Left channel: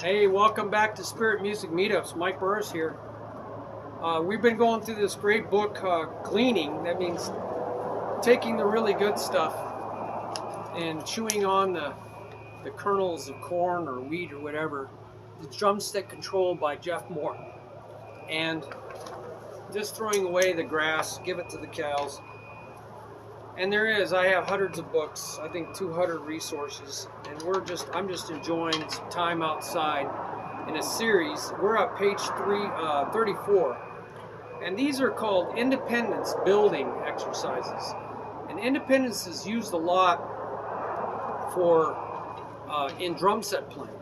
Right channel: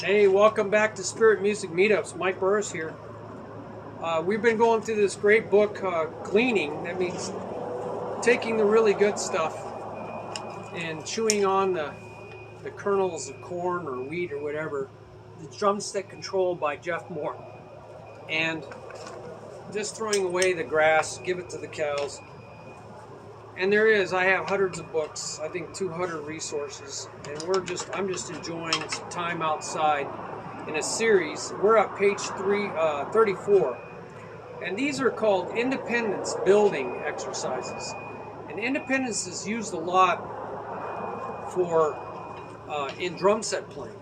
Hey, welcome back to Spirit Music Meetups. Mike Burris here. We've been going through this great book, Gleaning. That means taking the really good stuff and chewing on the kernels of corn or wheat or whatever. The Drumstick Control by Jeff Moore. And just throwing away the grass, give it to the cows. And I have hundreds of books, I think 200 resources, and I'm just enjoying some time outside in a series. We're at page 34, and these are called independence building exercises. And independence is used a lot in drum set playing,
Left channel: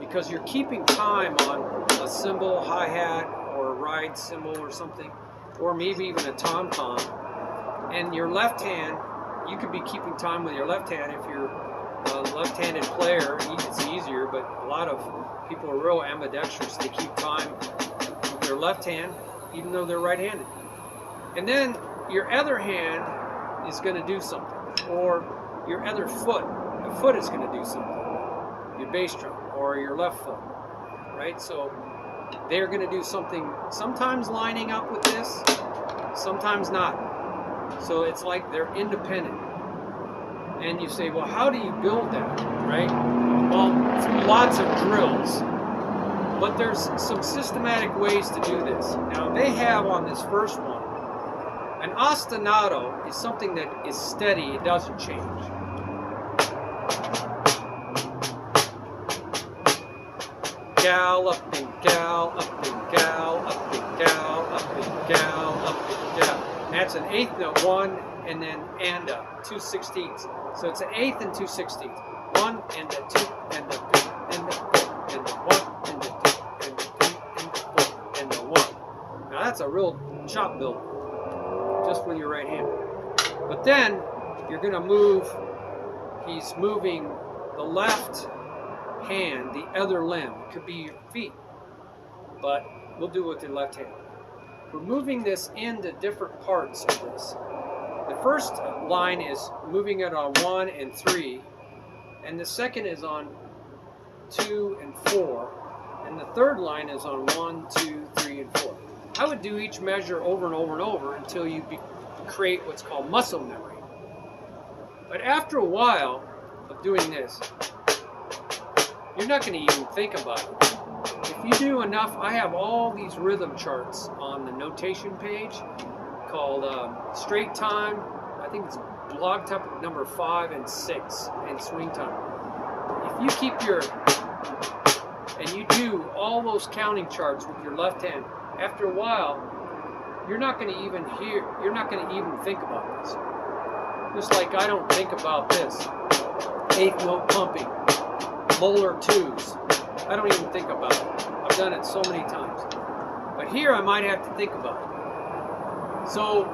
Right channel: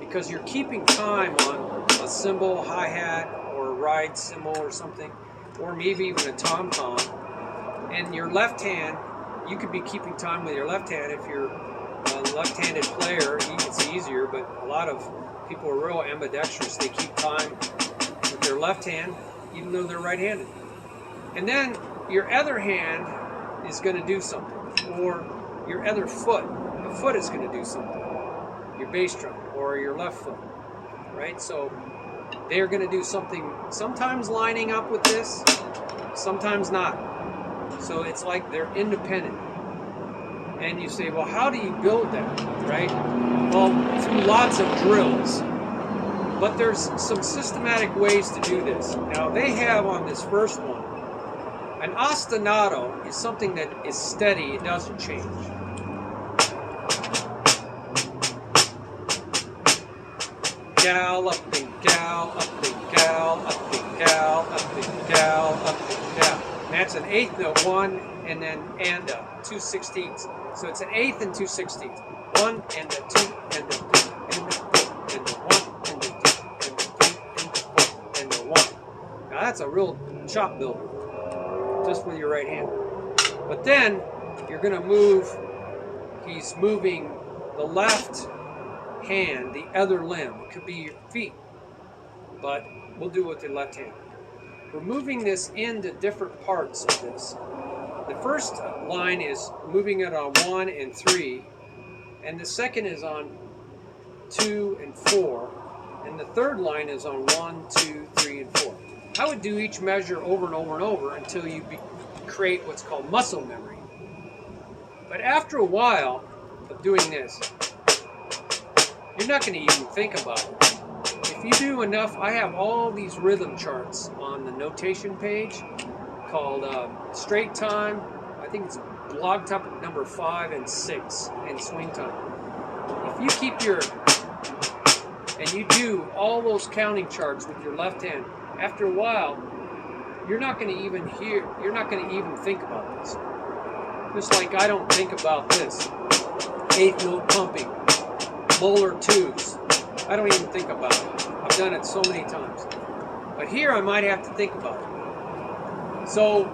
because you're keeping time on a cymbal, hi-hat, or a ride cymbal or something, or maybe even a tom-tom, and your left hand, you could be keeping time with your left hand. If you're a left-handed player, it's easier, but a lot of people are real ambidextrous. They keep time with their left hand, even though they're right-handed. And then your other hand is going to do something, or your other foot is going to do something, your bass drum, or your left foot, right? So they're going to do something, sometimes lining up with this, sometimes not. So it's like they're independent. And you say, well, how do you build that, right? Well, through lots of drills. But there's some systematic ways to do this. Now, they have on this first one, an ostinato is something that is steady, it doesn't change. Gal, up and gal, up and gal, up and gal, up and gal, up and gal. And that's an eighth note, one, and then and a 2/16. So it's an eighth and 2/16. One and a two and a three and a four and a one and a two and a three and a four and a one. Now that's a real chop builder, just with your right hand. But then you're going to move. He's moving the left hand, the other limb, could be your feet, but we'll do it with your left hand. We're moving this into different parts of this. The first line is moving it on 1 and 3, and the second is on 2 and 4, and the third line is on 1, 2, 3, and 4. I would do each measure over and over and over until you create what's called muscle memory. But after a while of doing this, you're not going to even think about it. If you do enough, I have all these rhythm charts on the notation page called straight time. I think it's blog topic number 5 and 6, and swing time. If you keep and you do all those counting charts with your left hand, after a while, you're not going to even think about this. Just like I don't think about this. Eighth note pumping. Molar 2s. I don't even think about it. I've done it so many times. But here I might have to think about it. So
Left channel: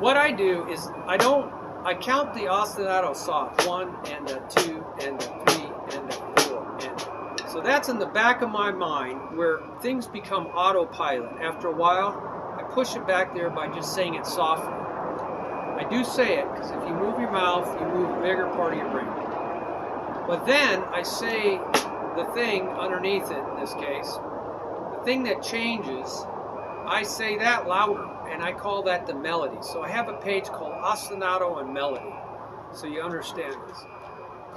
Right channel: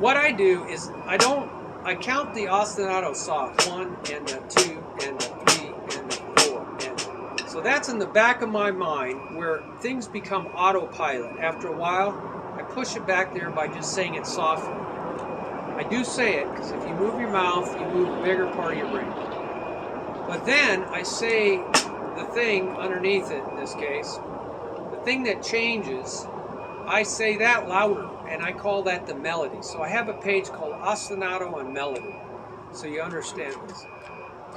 what I do is I count the ostinato soft. 1 and a 2 and a 3 and a 4. And so that's in the back of my mind where things become autopilot. After a while, I push it back there by just saying it softly. I do say it because if you move your mouth, you move a bigger part of your brain. But then I say the thing underneath it, in this case, the thing that changes, I say that louder, and I call that the melody. So I have a page called Ostinato and Melody, so you understand this.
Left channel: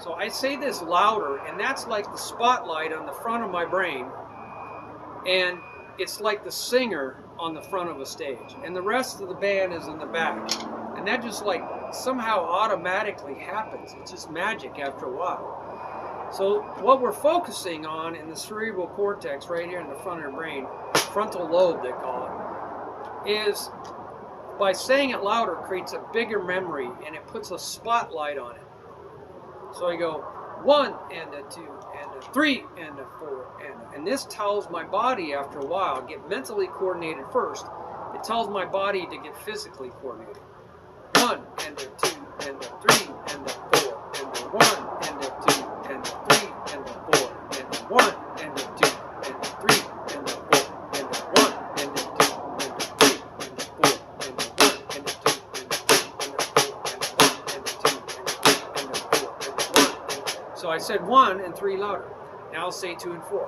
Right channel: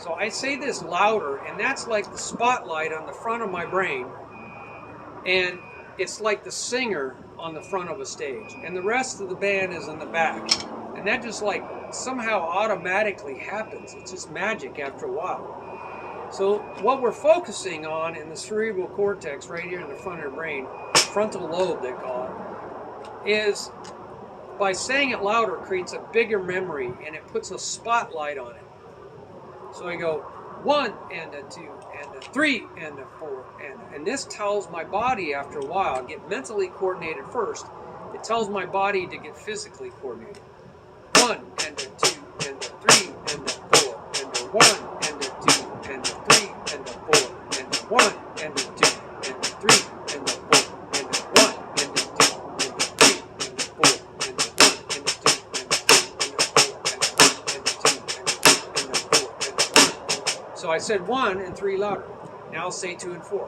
So I say this louder, and that's like the spotlight on the front of my brain, and it's like the singer on the front of a stage, and the rest of the band is in the back. And that just like somehow automatically happens. It's just magic after a while. So what we're focusing on in the cerebral cortex, right here in the front of your brain, frontal lobe they call it, is by saying it louder creates a bigger memory, and it puts a spotlight on it. So I go 1 and a 2 and a 3 and a 4 and this tells my body after a while, get mentally coordinated first. It tells my body to get physically coordinated. 1 and a 2 and a 3 and a 4 and a 1 and a 2 and a 3 and a 4 and a 1 and a 2 and a 3 and a 4 and a 1 and a 2 and a 3 and a 4 and a 1 and a 2 and a 3 and a 4 and a 1 and a 2 and a 3 and a 4 and a 1. So I said 1 and 3 louder. Now I'll say 2 and 4.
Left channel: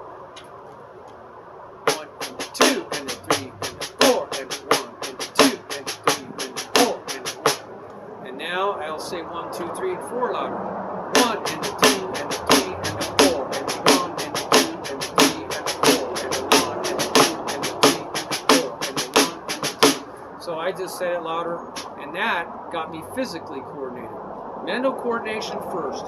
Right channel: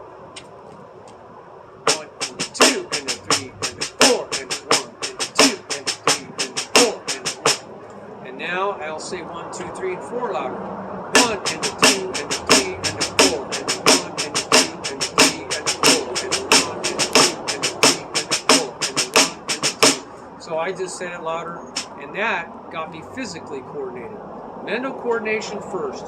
1 and 2 and then 3 and then 4 and then 1 and 2 and 3 and then 4 and then 1. And now I'll say 1, 2, 3, and 4 louder. 1 and the 2 and the 3 and the 4 and the 1 and the 2 and the 3 and the 4 and the 1 and the 2 and the 3 and the 4 and the 1 and the 2. So I just said it louder, and that got me physically coordinated. Mental coordination first.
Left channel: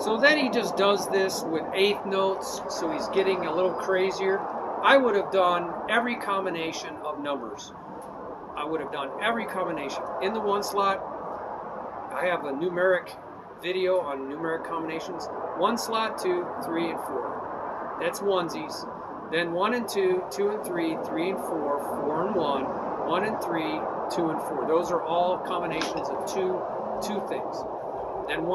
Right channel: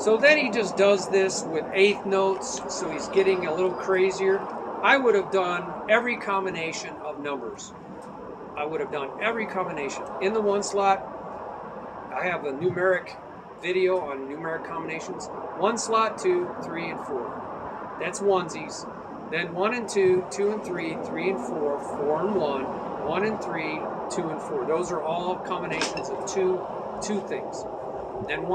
So then he just does this with eighth notes, so he's getting a little crazier. I would have done every combination of numbers. I would have done every combination. In the 1 slot, I have a numeric video on numeric combinations. 1 slot, 2, 3, and 4. That's onesies. Then 1 and 2, 2 and 3, 3 and 4, 4 and 1, 1 and 3, 2 and 4. Those are all combinations of two things. Then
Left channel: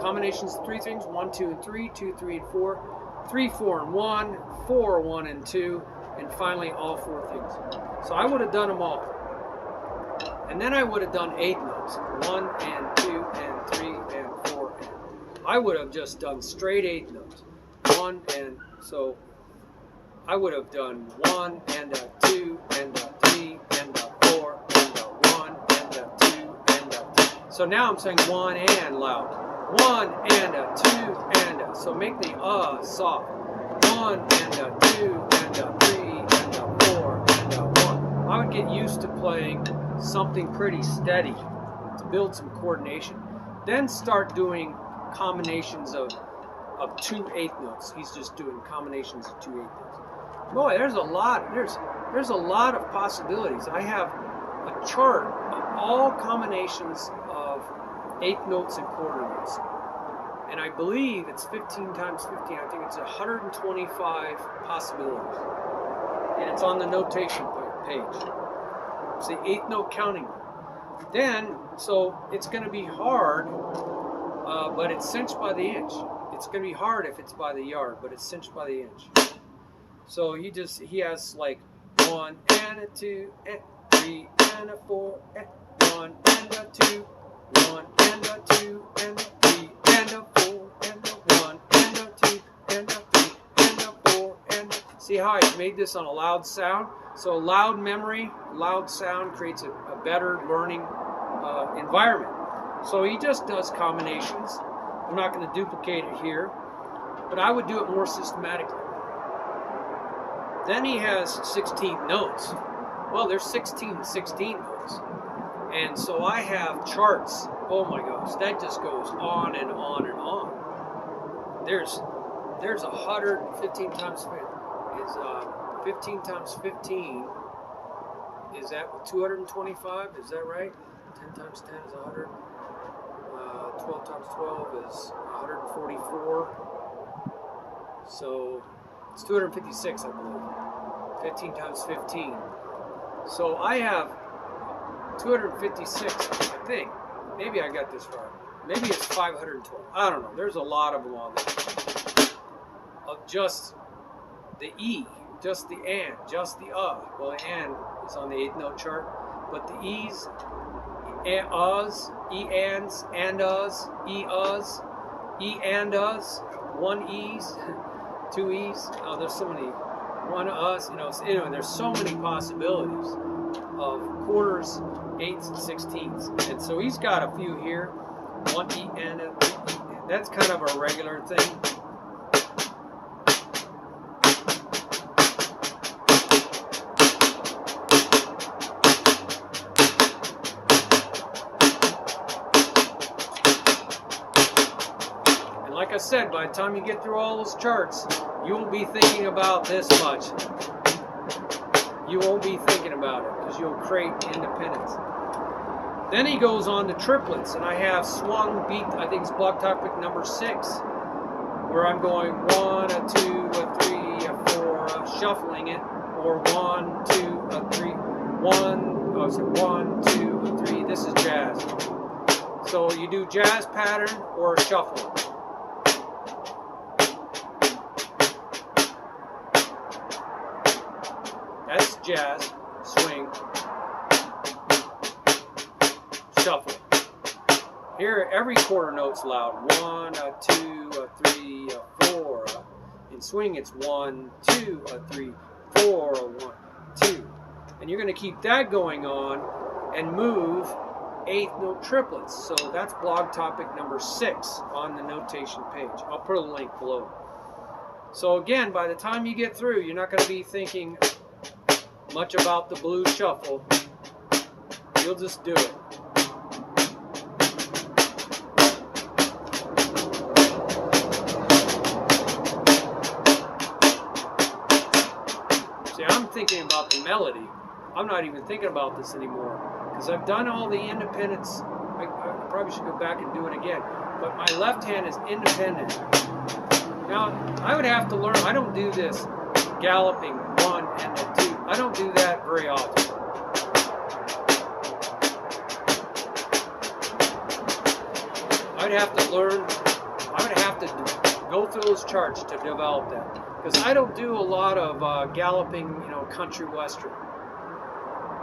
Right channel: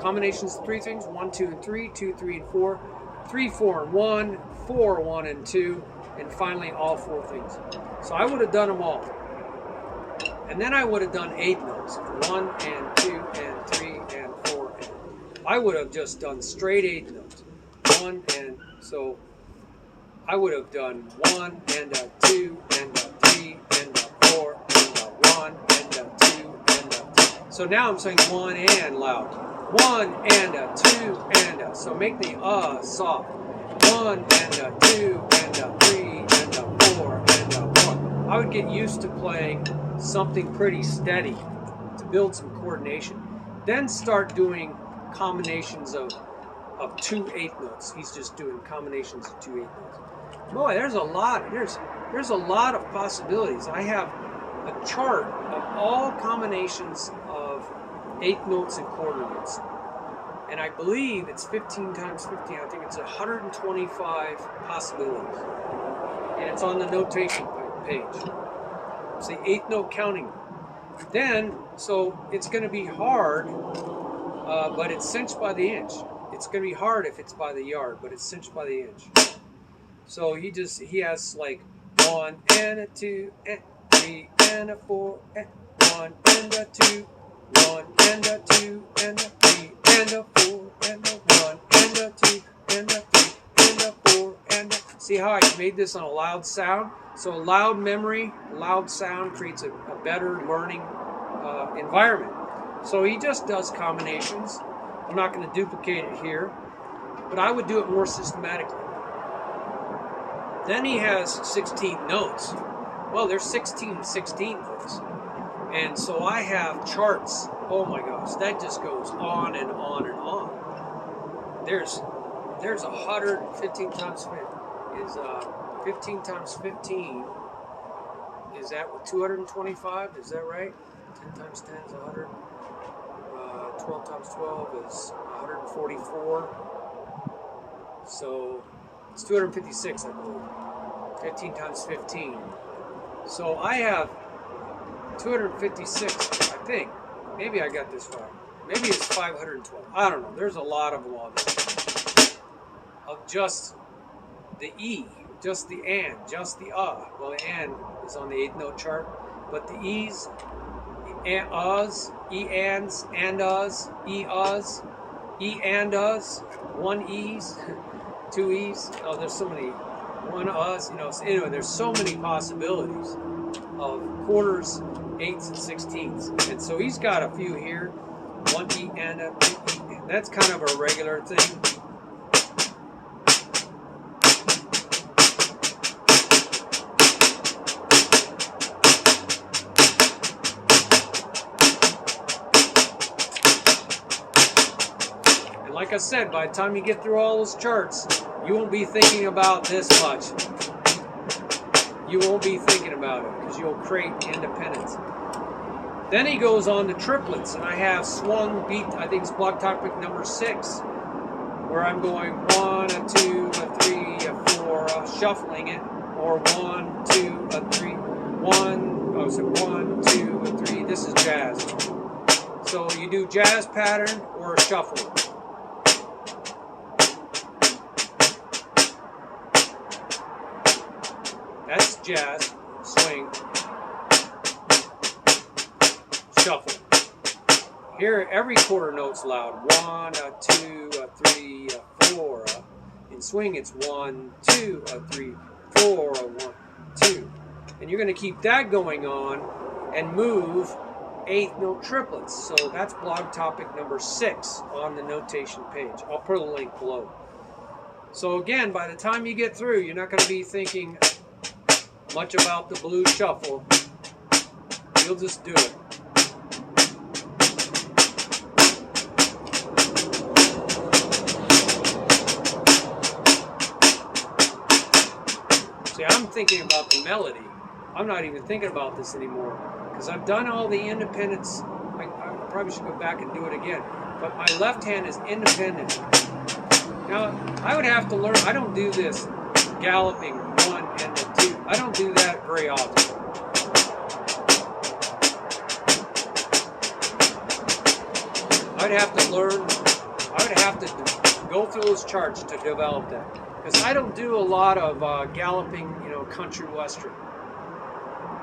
combinations of 3 things, 1, 2, and 3, 2, 3, and 4, 3, 4, and 1, 4, 1, and 2, and finally all 4 things. So I would have done them all. And then I would have done 8 notes, 1 and 2 and 3 and 4. And I would have just done straight 8 notes. 1 and, so I would have done 1 and a 2 and a 3 and a 4 and a 1 and a 2 and a 3. So now I'm saying 1 and loud. 1 and a 2 and a, so make the soft. 1 and a 2 and a 3 and a 4 and a 1. I would get used to playing something pretty steady to build some coordination. Then start doing combinations of 2 8 notes. He's just doing combinations of 2 8 notes. Boy, there's a lot. There's a lot of possibilities. I have a chart of all combinations of 8 notes and quarter notes. And I believe it's 15 times 15. I think it's 125 possibilities. And it's on the notation page. It's the 8 note counting. Then, so it's going to be hard, but it's cinched by the inch. It's going to be hard if it's by the yard, but it's cinched by the inch. So he has like 1 and a 2 and 3 and a 4 and 1 and a 2, 1 and a 2 and a 3 and a 4 and a 1 and a 2 and a 3 and a 4 and a... See how I made this on a loud sound? So loud memory, loud sound creates a better learning environment. So he just does combinations. I'm not going to duplicate it here, but I would do it more systematically. Then he has 16 notes. Well, there's 16 notes. And so I have charts. Oh my gosh, that just goes on and on and on. There's 115 times 15 times 15 is that 225? Is that right? 10 times 10 is 100. 12 times 12 is 144. So it's 256, I believe. 15 times 15. So I have 256, I think. Maybe I got this right. Maybe it's 512. I don't know. There's a lot of them on there. Of just the E, just the and, just the Well, the and is on the 8 note chart, but the E's, us, E ands, and us, E us, E and us, 1 E's, 2 E's. Oh, there's so many. 1 us, So anyway, there's so many possibilities of quarters, 8s, and 16s. And so he's got a few here. 1 E and a 2 E. And that's kind of a regular thing. Like I said, by the time you get through all those charts, you won't be thinking about this much. You won't be thinking about it because you'll create independence. Then he goes on to triplets, and I have swung beat, I think it's block topic number 6, where I'm going 1, a 2, a 3, a 4, shuffling it, or 1, 2, a 3, 1, so 1, 2, a 3. This is jazz. So you do jazz pattern or shuffle. That's jazz, swing, shuffle. Here, every quarter note's loud. 1, a 2, a 3, 4. In swing, it's 1, 2, 3, 4, 1, 2. And you're going to keep that going on and move 8th note triplets. So that's blog topic number 6 on the notation page. I'll put a link below. So again, by the time you get through, you're not going to be thinking much about the blues shuffle. You'll just do it. See, I'm thinking about the melody. I'm not even thinking about this anymore because I've done all the independents. I probably should go back and do it again. But my left hand is independent. Now, I would have to learn. I don't do this galloping 1 and then 2. I don't do that very often. I'd have to learn. I would have to go through those charts to develop that. Because I don't do a lot of galloping, you know, country western.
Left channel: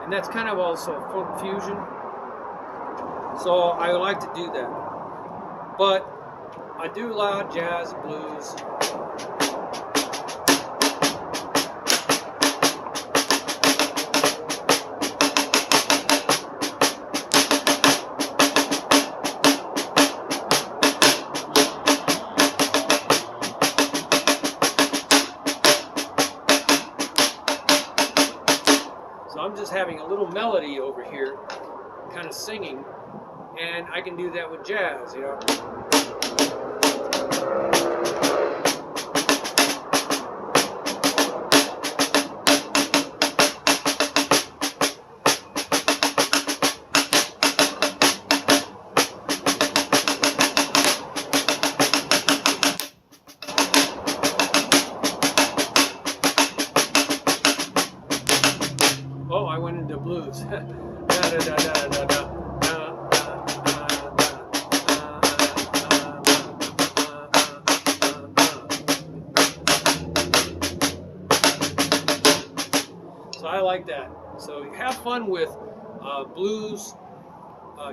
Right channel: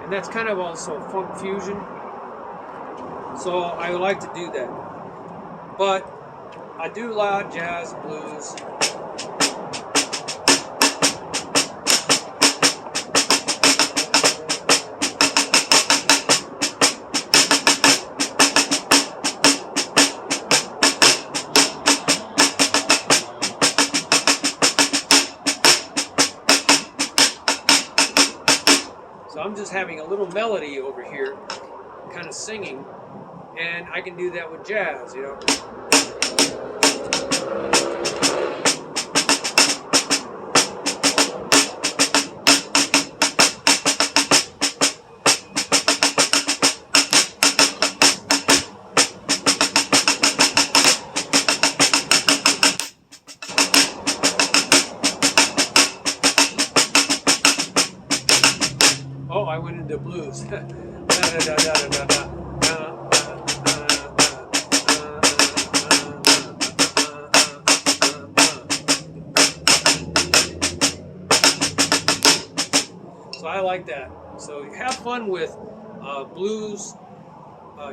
And that's kind of also funk fusion. So I like to do that. But I do a lot of jazz, blues. So I'm just having a little melody over here, kind of singing, and I can do that with jazz, you know. Oh, I went into blues. So I like that. So you have fun with blues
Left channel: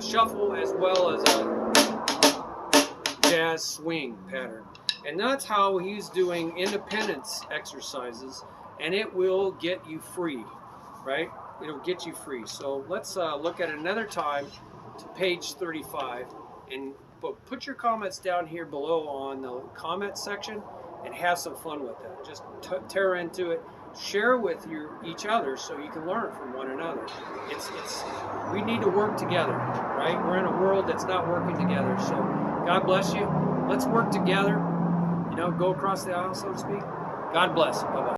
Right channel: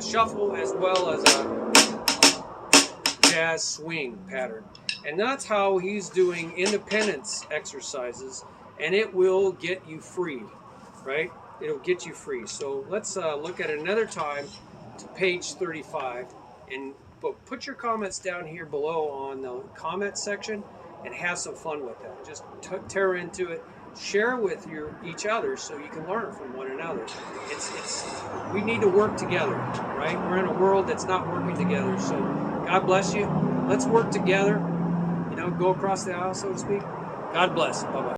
shuffle as well as a jazz swing pattern. And that's how he's doing independence exercises, and it will get you free. Right? It'll get you free. So let's look at another time to page 35 and put your comments down here below on the comment section and have some fun with it. Just tear into it, share with each other so you can learn from one another. We need to work together, right? We're in a world that's not working together. So God bless you. Let's work together. You know, go across the aisle, so to speak. God bless. Bye-bye.